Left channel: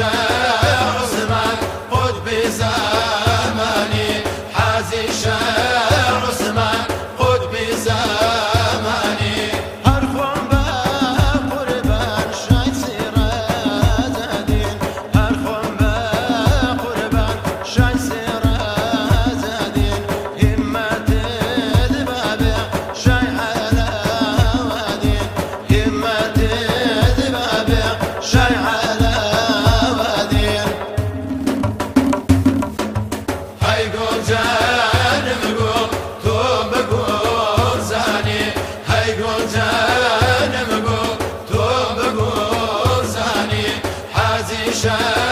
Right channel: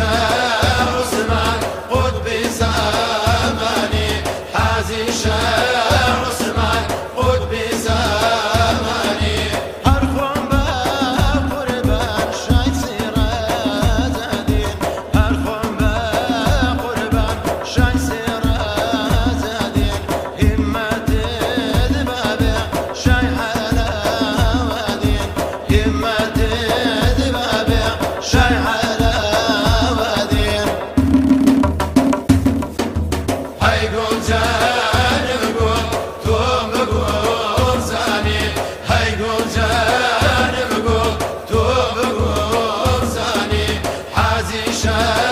شاه عثمان قطب زماني حازي شاه عثمان قطب زماني هر خون با قربان شای سیره زدین هر خون با قربان شای سیره زدین همت دبابه شای على ودین همت دبابه شای على ودین هی گل جانم گل توم بگل زانی هی گل جانم گل توم بگل زانی حازی شاه